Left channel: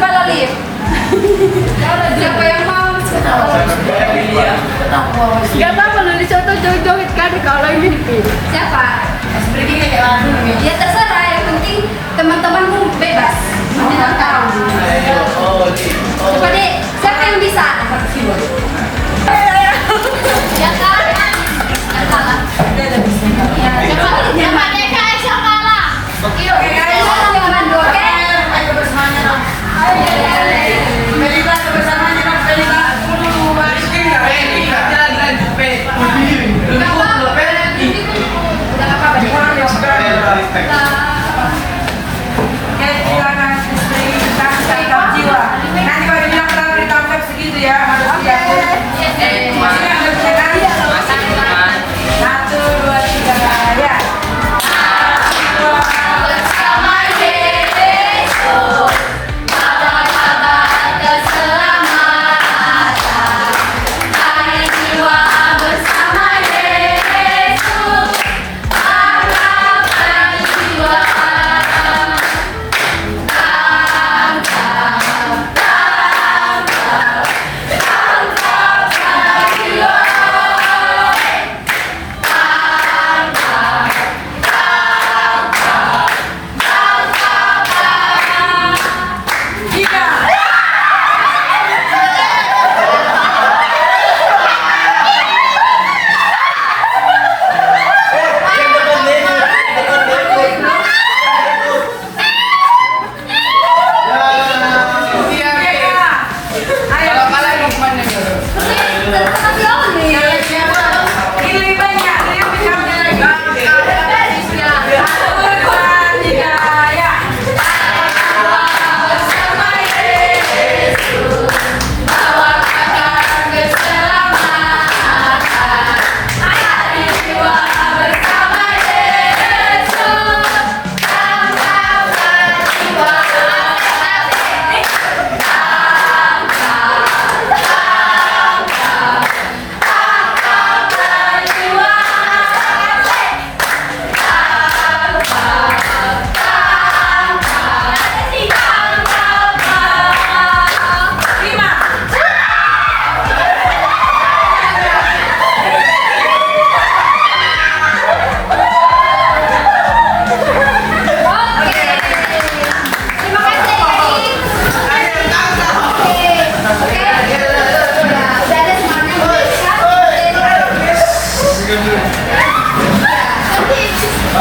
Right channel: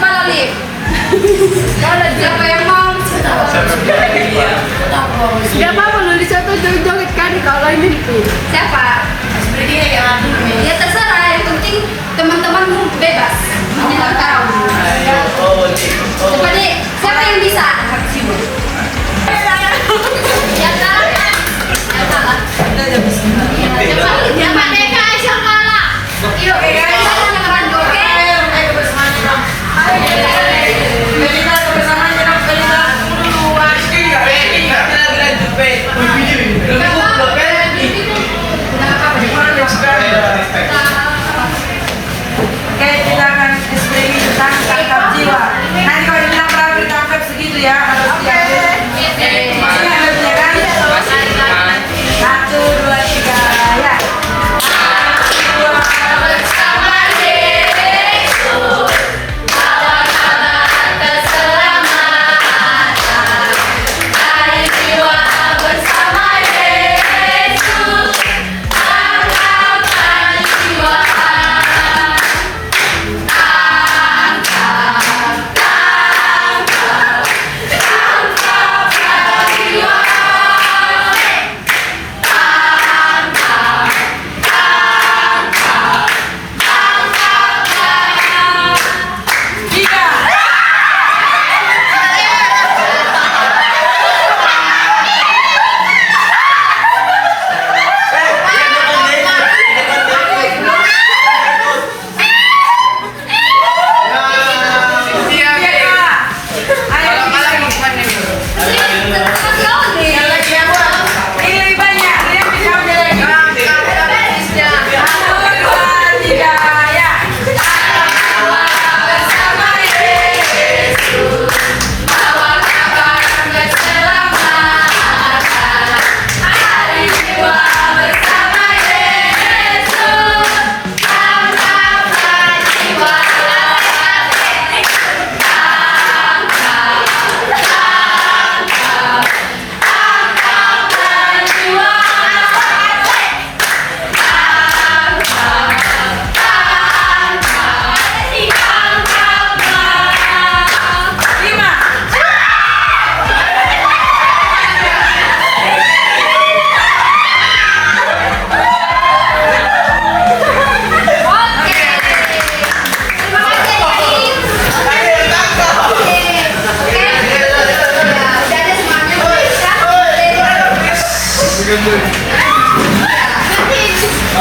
kepala lift. Siapa yang mau? Gak apa-apa lu dicontoh joget-joget kan kalau ini. Siapa? Ya terserah, yang penting teman-temanmu bebas. Coba deh, siapa yang bisa? Ya kan? Ya kalah. Ya Pak DKS yang kalah. Yuk, siapa yang orang joget?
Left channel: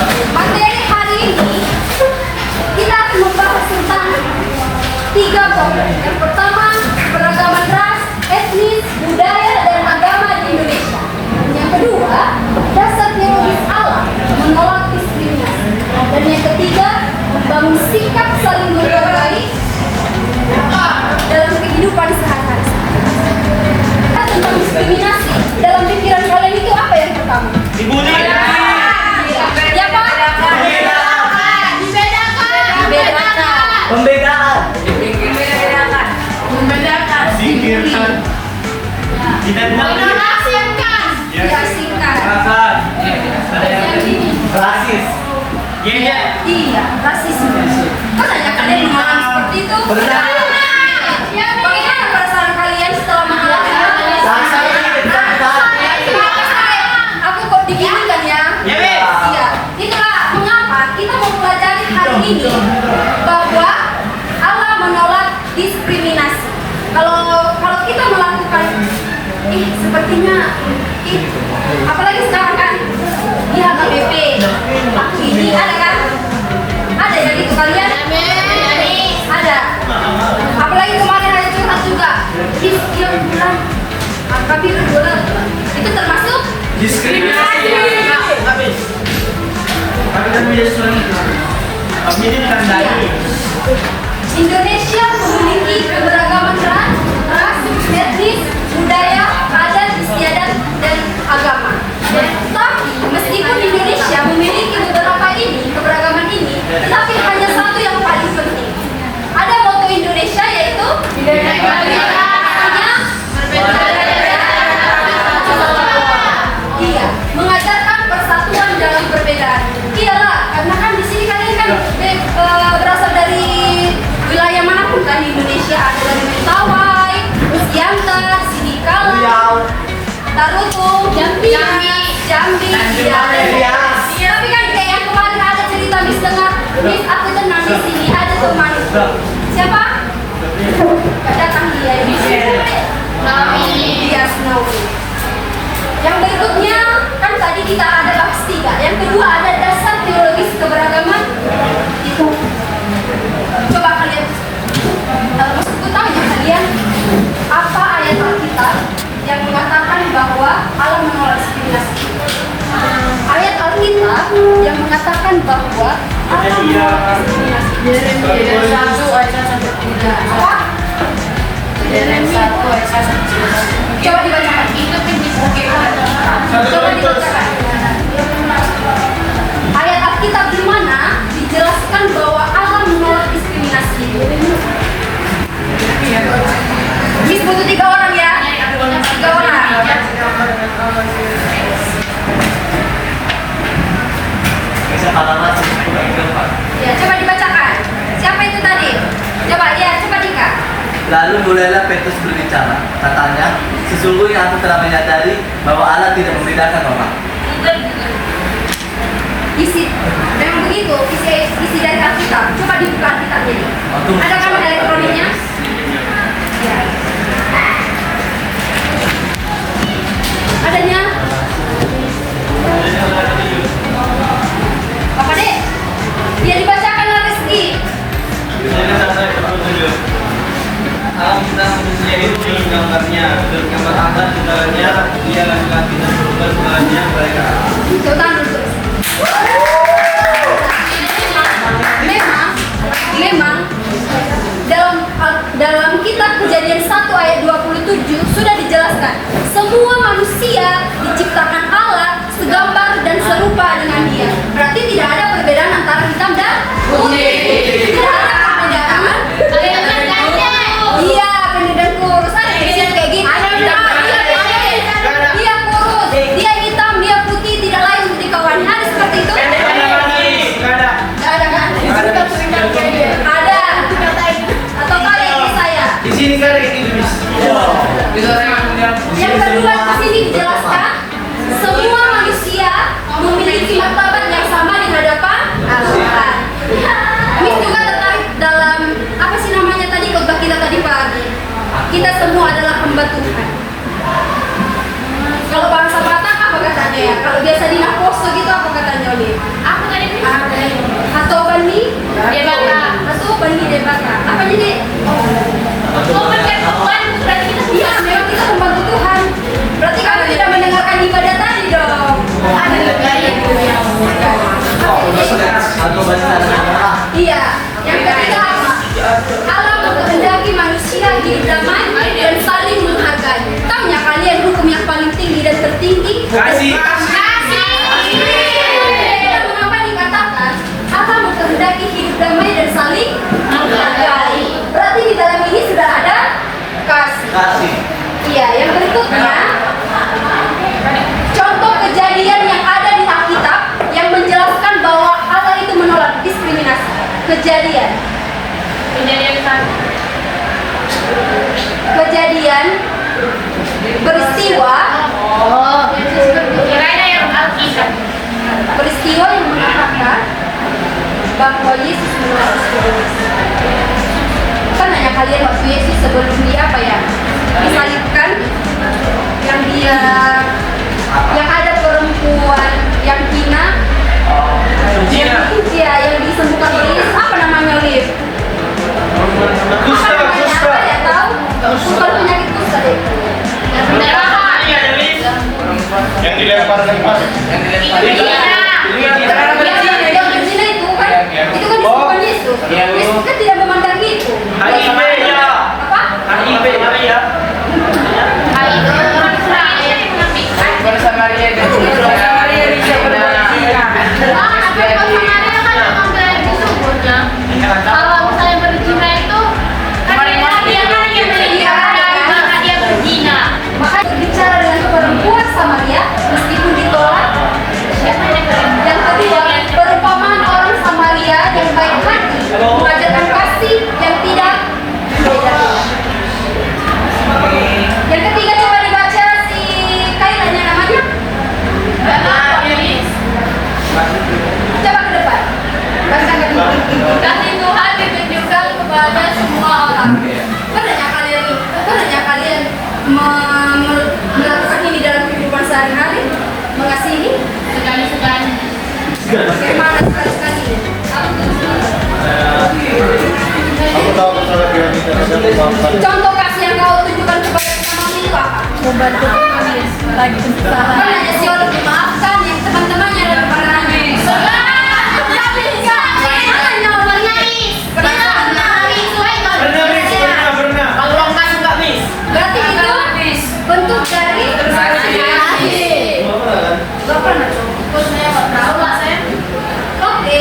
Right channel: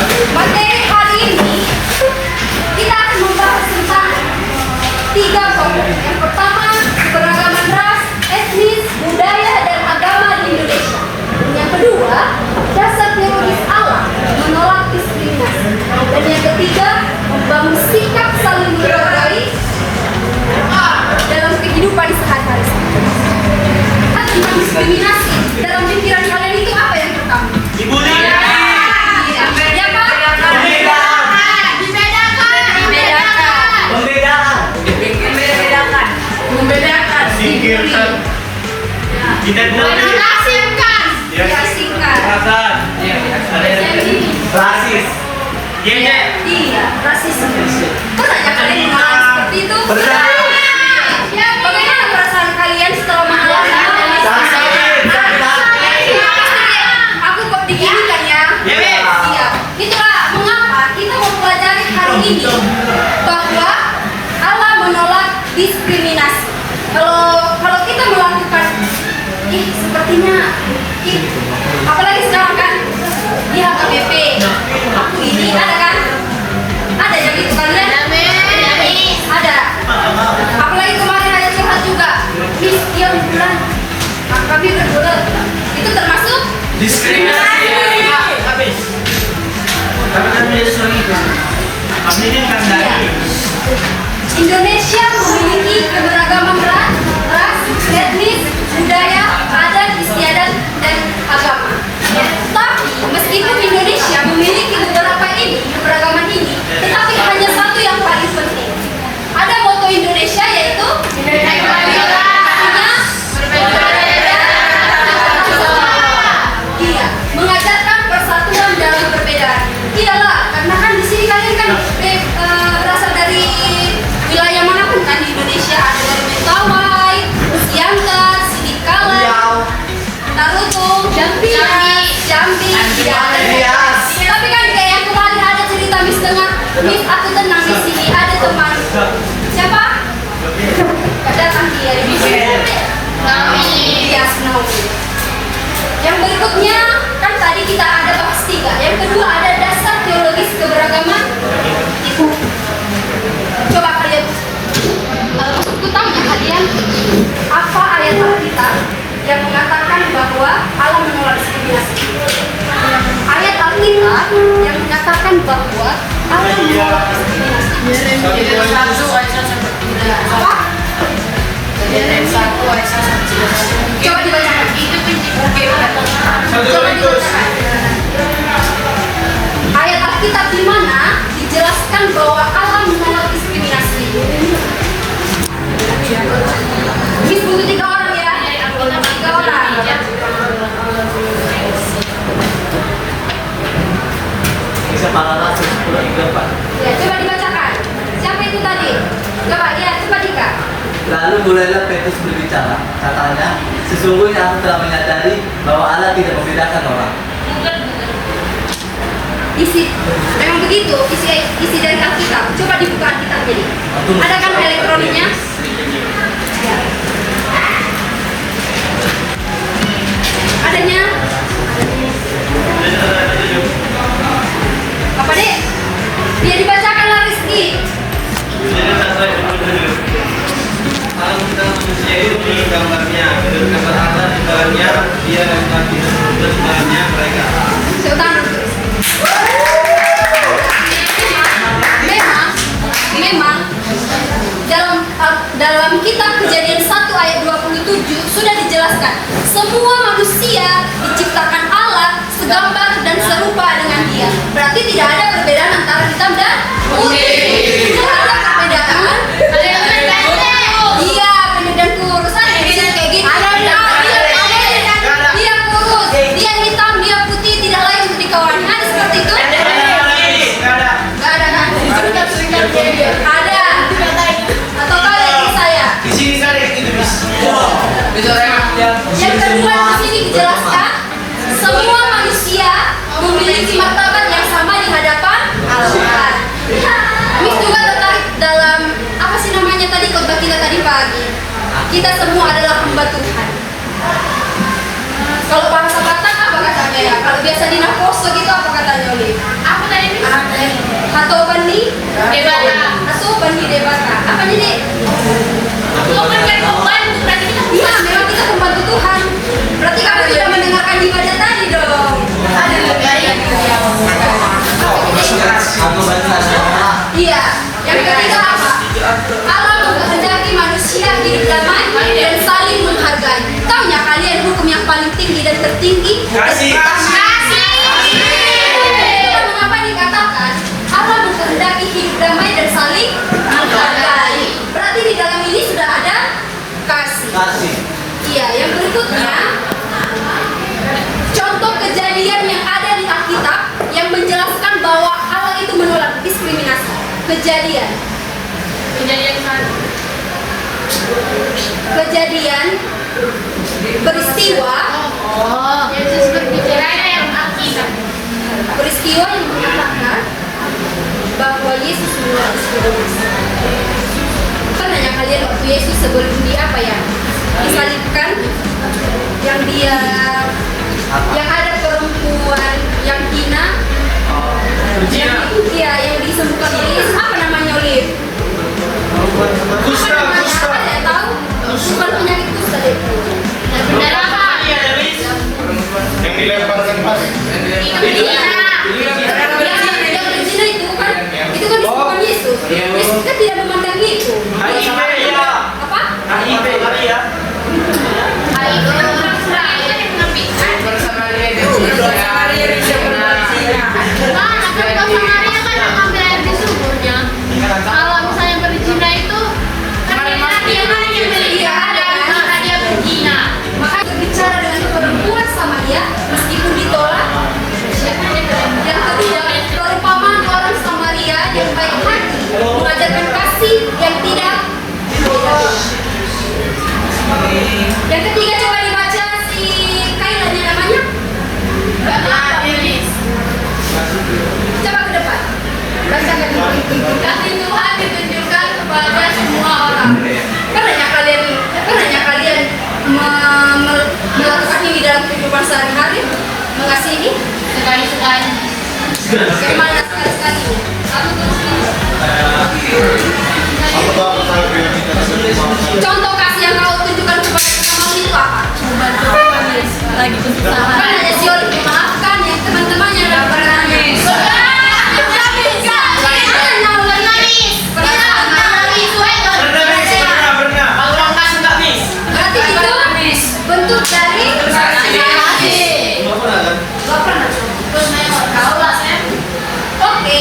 Materi hari ini kita akan membahas tentang 3 topik. Yang pertama, keberagaman ras, etnis, budaya, dan agama di Indonesia. Yang kedua, dasar teologis alam, menolak diskriminasi. Dan yang ketiga, membangun sikap saling menghargai dalam kehidupan sehari-hari. Tentang diskriminasi, dalam pikiran kalian itu apa yang pertama? Dibully. Membedakan. Kita Menasingkan. Diasingkan. ada yang rasis. Iya, rasisme. Pernahnya kalian mengalami seperti itu? Bagaimana perasaan kalian setelah mengalami aku kok diginikan ya? Iya. Itulah mengapa kita mau pelajari hari ini bahwa Allah menolak diskriminasi. Kalau kita melakukan sepertinya apalagi sekarang kan di HKBP aku ini ada kan? Ada yang gitu kalian? Ada. Apalagi kemarin hari Jumat juga sekian bulan AKB berbulan itu termasuk diskriminasi. Habis. Tapi menjadi sering. Kami ini dikandani. Indonesia memiliki keberagaman ras, etnis, budaya, adat, istiadat, dan agama. Tapi meskipun Indonesia memiliki beberapa keberagaman ini, tetapi hanya satu yang paling penting. Ada moto Indonesia yaitu artinya iya, mengajarkan persatuan dalam perbedaan. Iyalah, karena kan di sini kalian kan berasal dari wilayah manapun kan di Indonesia. keberagaman itu. Coba kalian, maksudku tanya kalian, apa ayat Alkitab yang mengatakan bahwa Allah menolak diskriminasi? Ayat Alkitab yang mengatakan bahwa Allah menolak diskriminasi. Yeremia 1 ayat 1 sampai 3. Apa? Yeremia 1 ayat 1 sampai 3. Coba dibacakan. Itu prinsip bagaimana? Coba dibacakan. Ayat Alkitab di mana dijelaskan bahwa Allah menolak diskriminasi. Miss butuh 3 orang ya. 3 orang. Bisa pengalaman Pak. Ya, coba dibacakan. Siapa itu tadi? Coba ya, coba Dika. Lalu mulailah Petrus berbicara. Katanya, sesungguhnya aku telah menyadari bahwa Allah tidak membedakan orang. Isi, memang begitu. Isi dari Alkitab. Coba dibuka Alkitab jadi. Ada kan elektroniknya? Ya. Adanya. Apa dek? Biar dibacakanlah Rizky. Alam tentang manusia itu gambarnya, dan gambar Allah di dalamnya dia laki-laki dan perempuan di dalamnya mereka. Sultan terus. Memang dalam kitab Kejadian 1 ayat 27 sudah dijelaskan semua manusia diciptakan Allah segambar dan serupa dengan Dia. Berarti tidak ada perbedaan antara hitam dan putih. Tidak ada perbedaan. Iya, pendek dan kurus. Ada di sini kayak gini. Dia kurus, dia hitam, dia putih, tidak lain untuk dikawannya. Ada seperti itu? Nggak ada. Nggak ada kan? Ada. Atau kau yang di saya? Di sini nggak ada kayak gitu, Bis. Yang kedua di sini dijelaskan semua manusia memiliki martabat yang sama di hadapan Tuhan. Miss juga tertarik dalam apa sih namanya tadi khotbah kita tadi pagi. Kita semua adalah hamba Tuhan. Kalau bahasa Batak apa katanya ya? Kalau biasa di Naposo gitu apa katanya Oli? Apa tadi? Hato bani Debaka. Hato bani debaka. Apa jadi? Tuhan kan membantu tadi. Iya, memang kita membantu Tuhan. Berarti kamu tidak mendengarkan ibadah tadi dong. Ada gaya Iya. Yang ketiga apa? Allah menghendaki manusia hidup damai dan saling menghargai. Tahu nggak kalian hukum yang paling tinggi dan tertinggi? Kasih. Mengapa dikatakan Allah menghendaki hidup damai dan saling menghargai? Berarti di dalam ini sudah ada kasih. Kasih. Iya, yang berikutnya contoh kejadian yang ada di Alkitab yang menjelaskan bahwa Allah itu menolak diskriminasi. Kejadian peristiwa Yesus berbicara yang Alkitab. peristiwa yang mengatakan bahwa Yesus menolak diskriminasi. Kan nanya kalian waktu Yesus sebelum dia apa ya? Disalibkan, yang ada perempuan yang hina, yang disembuhkan oleh Yesus. Apa namanya Olive? Apa namanya? Apa ya tahu? Bukan penyakit kusta deh. Yang dilemparkan pas. Yang berzina itu kan disembuhkan Yesus. Yesus kan tidak memandang itu. Apa? Kalau misalnya berzina itu kan dia berzina. Maka berbicara dengan perempuan sama dia meskipun ditolak, siapa yang Contoh kasih yang kau tunjukkan kepada teman itu apa? Membantu Miss lagi kesusahan. Kan hanya siul dimaafkan yang teman-temannya dan bernangis. Berarti itu bentuk dari kasih. Gak pernah. Oke,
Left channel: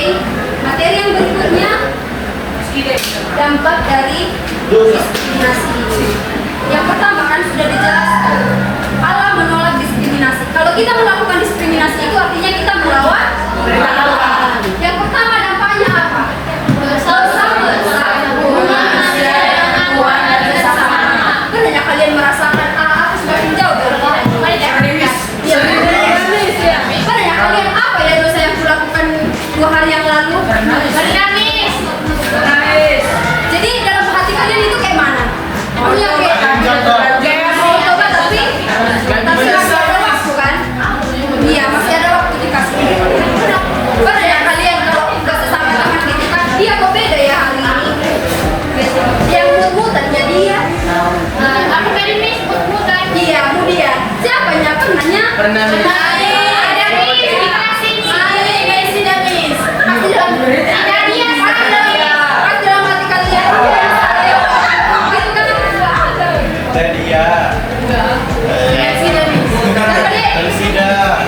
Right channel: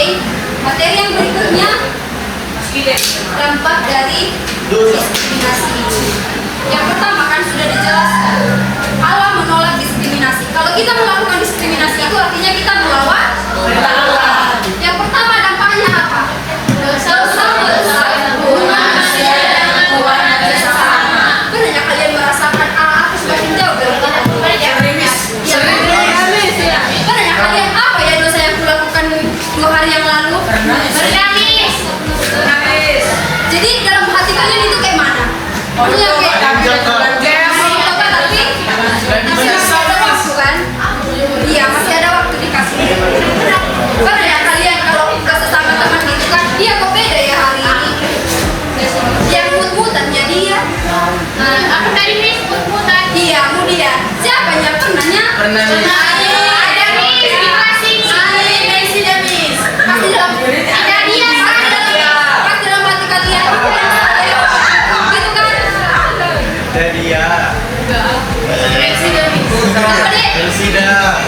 materi yang berikutnya dampak dari diskriminasi. Yang pertama kan sudah dijelaskan, Allah menolak diskriminasi. Kalau kita melakukan diskriminasi itu artinya kita melawan Allah. Yang pertama dampaknya apa? Dosa merusak hubungan manusia dengan Tuhan dan sesama. Pernahnya kalian merasakan aku semakin jauh dari Tuhan? Pernahnya kalian apa ya dosa yang kulakukan 2 hari yang lalu? Bernangis. Jadi dalam hati kalian itu kayak mana? Punya kayak mau coba tapi masih ada waktu kan? Iya masih ada waktu dikasih. Pada ya kalian kalau udah sesama teman gitu kan, dia kok beda ya hari ini. Yang mut-mutannya dia. Aku tadi Miss mut-mutan. Iya dia. Siapanya pernahnya? Pernah. Nadia. Persida.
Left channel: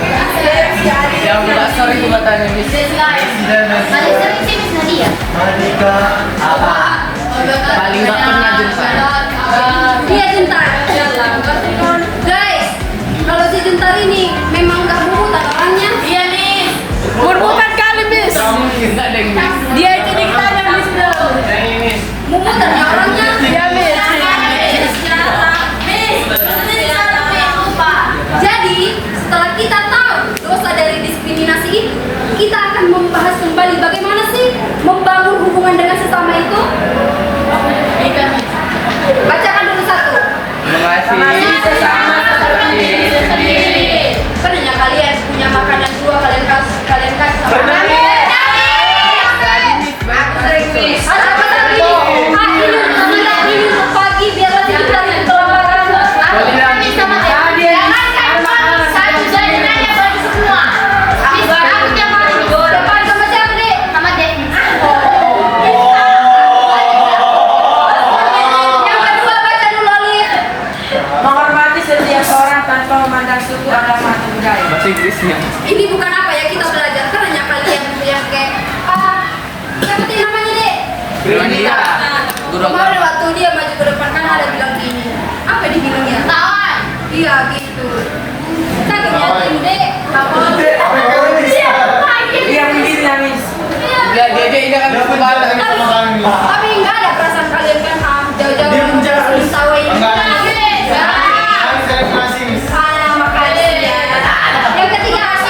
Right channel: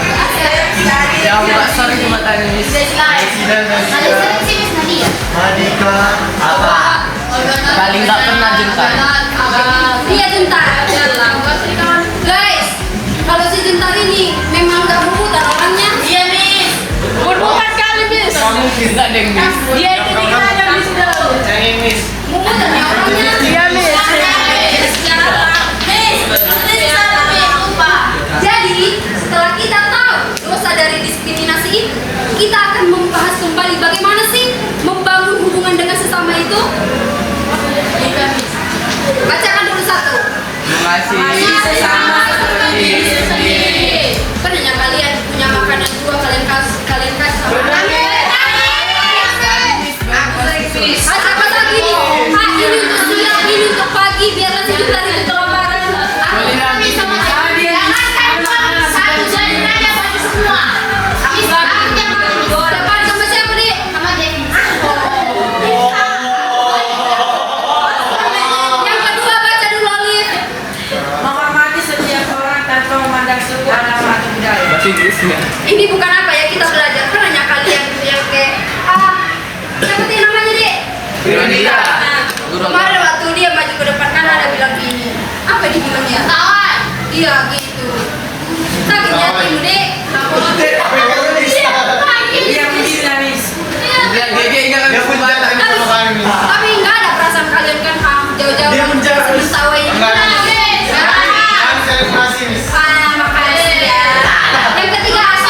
Sorry cuma tanya Miss. Persida Nadia. Madika. Apa? Paling gak pernah Juntar. Iya Juntar. Guys, kalau si Juntar ini memang gak mumutan orangnya. Iya Miss. Bukan kali Miss. Kamu kita deh Miss. Dia itu dikanya Miss dong. Jangan Miss. Mumutan orangnya. Iya Miss. Jadi setelah kita tahu dosa dari diskriminasi itu, kita akan membahas kembali bagaimana sih membangun hubungan dengan sesama itu. Bacakan dulu satu. Mengasihi sesama seperti diri sendiri. Pernahnya kalian punya makanan 2 kalian kasih sama siapa tadi ini? Ini untuk siang, ini untuk pagi, biarlah si Juntar itu kelaparan. Depan sama siapa deh? Sama Devi. Yang kedua baca dulu Olive. Menghormati setiap orang tanpa memandang suku, agama atau budaya. Bahasa Inggrisnya. Ini bukan apa ya kita belajar. Pernahnya kalian punya kayak siapa sih namanya deh? Wanita. Kemarin waktu dia maju ke depan kan ada bilang gini. Apa dia bilang ya? Tawan. Iya gitu. Sakitnya hatimu dek. Dia begini Miss. Tapi nggak ada perasaan kalian kan jauh-jauh tahu ini. Makasih ya. Yang ketiga apa?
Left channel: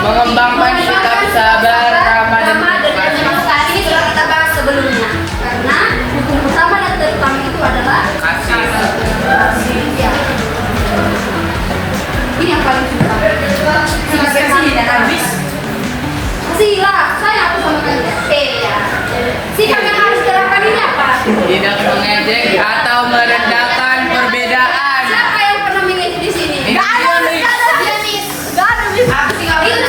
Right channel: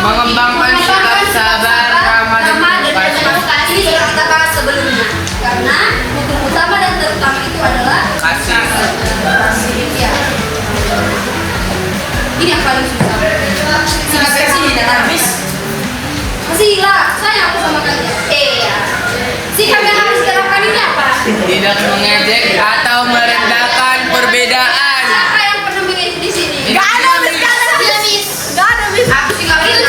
Mengembangkan sikap sabar, ramah dan kasih sudah kita bahas sebelumnya. Karena hukum utama dan terutama itu adalah kasih. ya. Ini yang paling susah. Sikap kasih dan habis. Kasihlah, sayang aku sama kalian. Ya. Sikap yang harus diterapkan ini apa? Tidak mengejek atau merendahkan perbedaan. Siapa yang pernah mengejek di sini? Gak ada Miss. Dia Miss. Gak ada Miss. Aku tinggal itu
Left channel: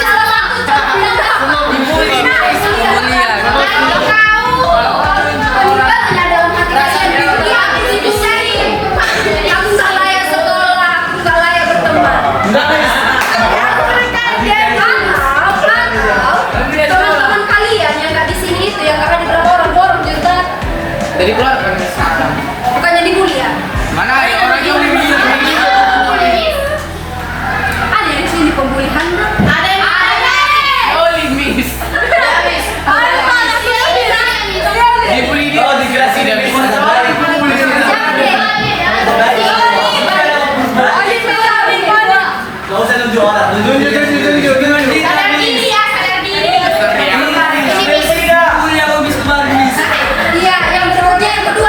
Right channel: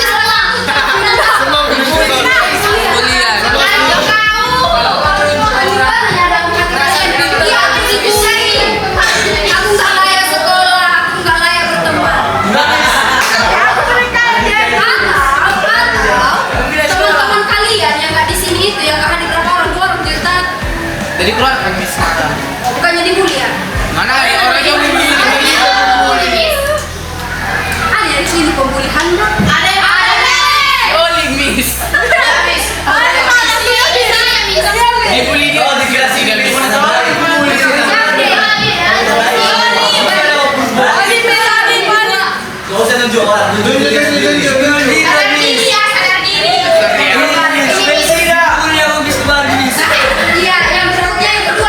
aku nggak layak sekolah, aku nggak layak berteman. Atau teman-teman kalian yang nggak di sini itu yang nggak hadir berapa orang dorong cerita. Jadi keluar kan Miss. Bukannya dibully ya? Mana ada orang yang dibully? Ada di sini pembulian bro. Ada. Oli Miss. Dibully dia. Oh, dikira tidak bisa. Gak usah nunjuk orang, nunjuk diri. Sadar diri ya, sadar diri. Iya, yang berikutnya yang kedua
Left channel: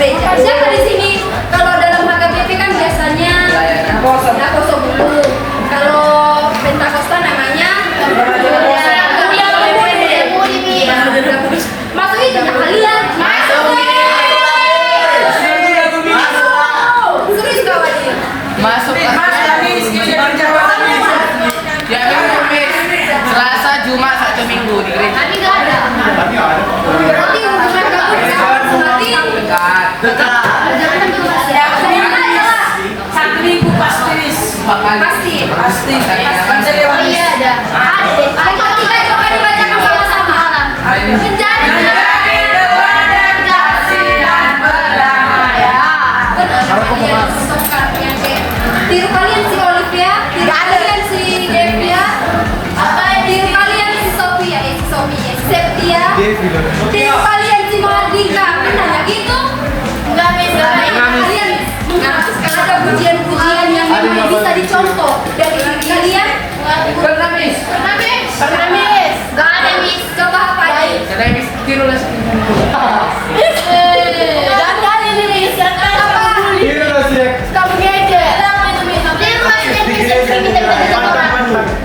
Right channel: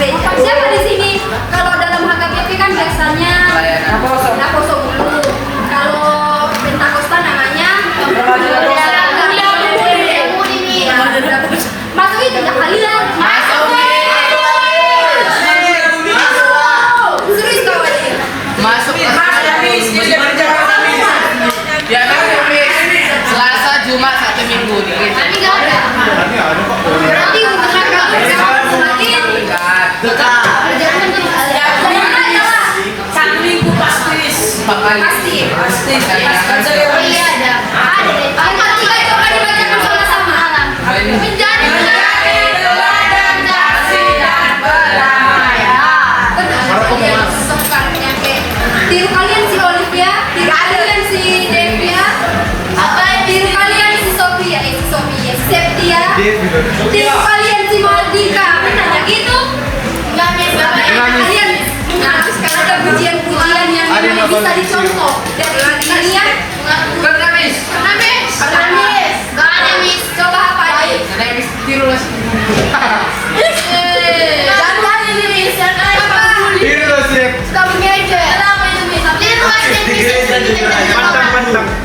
gereja. Siapa di sini? Kalau dalam HKBP kan biasanya Nakoso Bulu. Kalau Pentakosta namanya masuk itu nggak kalian? Masuk serius kau aja. Masuk ya memang Selasa, Jumat, Sabtu, Minggu di gereja. Kami nggak ada. Tapi hubungan kamu semakin Dekat. semoga aja lah. Satu minggu pasti. 4 kali. Pasti. Pasti. Iya ada. Yang ketiga coba dibacakan sama-sama. Menjadi tiru kalian si Olivia, tiru kalian si Devia, tiru kalian si Sophia, si Septia, tiru kalian si Mardika. Menanya gitu? Enggak bisa. Kalian ada pujian-pujian yang bisa dicontoh dari diri kalian. Bernamis. Gak ada mis. Coba apa aja? Karena habis tiru lah. Jangan berani mis. Apa? Ini loh sih. Kamu aja. Di gereja juga.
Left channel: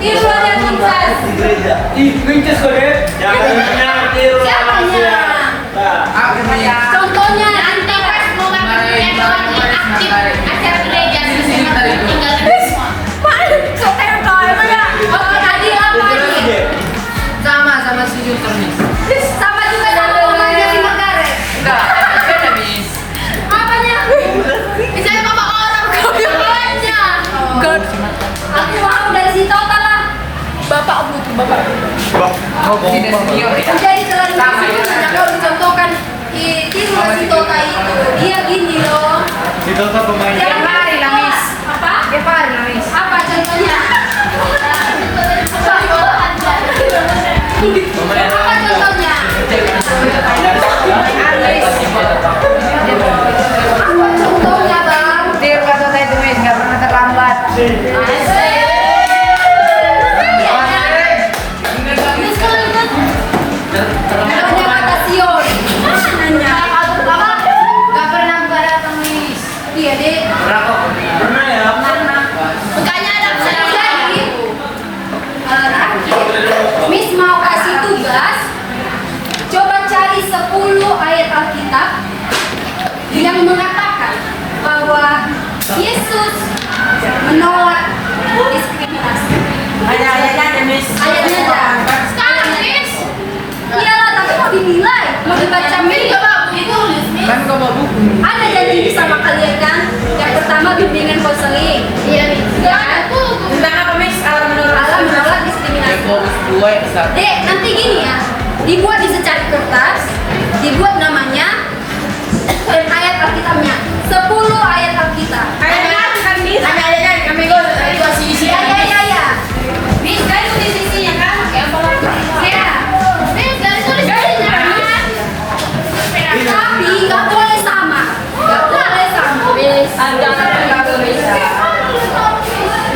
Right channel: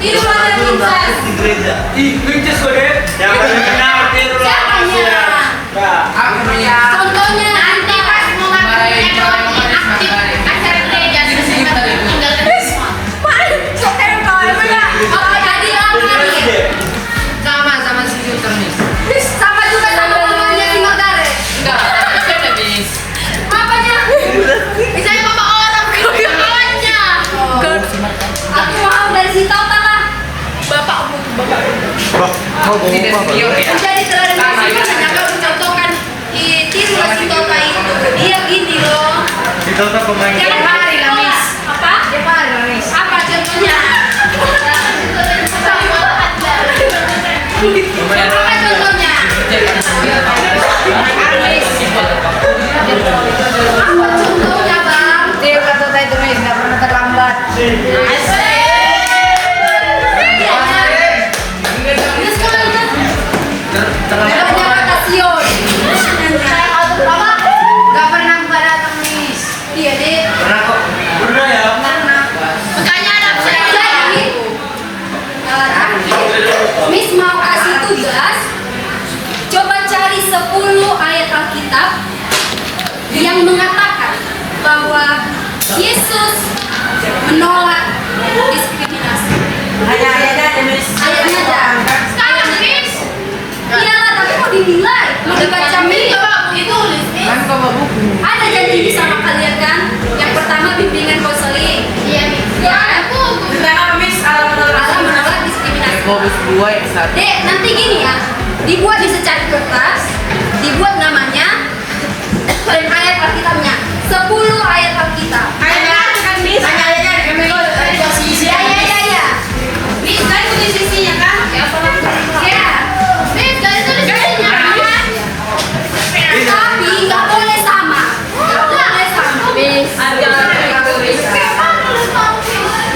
Tiru ada Vincent. Di gereja. Yang benar tiru Siapanya? Aku namanya. Contohnya nanti Marahin orang manis makarin. Oke, Adi apa Adi? Sama sujud terus. Sama juga sama mamanya si Magare. Enggak, beda bis. Apanya? Misalnya mama orang bapaknya. Aku mau dari si Tota lah. Bapakmu. Tidak senior ya. Jadi terlalu sini kalau mencontohkan tiru si Tota itu. Dia gini loh. Itu tuh pemain. Jangan hari lah, Miss. Apa? Tiap hari lah, Miss. Apa contohnya? Apa contohnya? Contohnya bang. Tiap kata itu Miss nggak pernah terlambat. Namanya kata Sion. Nggak pernah nggak datang Miss. Iya deh. Pernah ya? Jadi, Miss mau kasih tugas. Coba cari 10 ayat Alkitab yang mengatakan bahwa Yesus menolak diskriminasi. Ayahnya aja Miss. Ayatnya aja. Miss. Iyalah, tapi mau dinilai, mau dibaca Miss. Kan kau bawa buku. Ada janji sama kalian kan? Yang pertama bimbingan konseling. Iya, Miss. Ya. Tentang apa Miss? Alam Alam menolak diskriminasi. Bawa buku 2 ekstra. Dek, nanti gini ya. Dibuat di secari kertas, dibuat namanya dan ayat Alkitabnya. 10 ayat Alkitab. Ayahnya kan Miss. Ayahnya kami lo sisi. Ya. Miss, kalian tulis isinya kan? Ya. Miss, kalian tulis isinya kan? Tapi nggak boleh sama. Nggak boleh sama. Miss.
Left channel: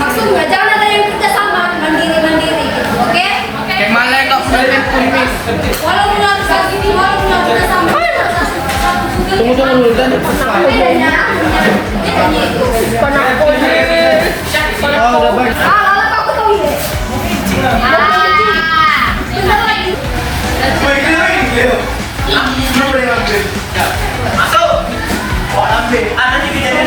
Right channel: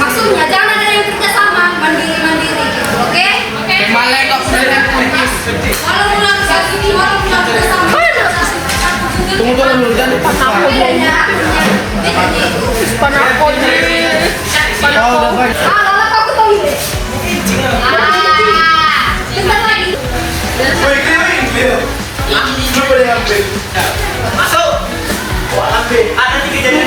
Maksudnya jangan ada yang kerja sama, mandiri gitu, oke? Kayak malah kok punya kumis. Walaupun harus kayak gini, walaupun harus kerja sama. Bedanya itu. Lala aku tahu ini. Bentar lagi. So, ada juga jadi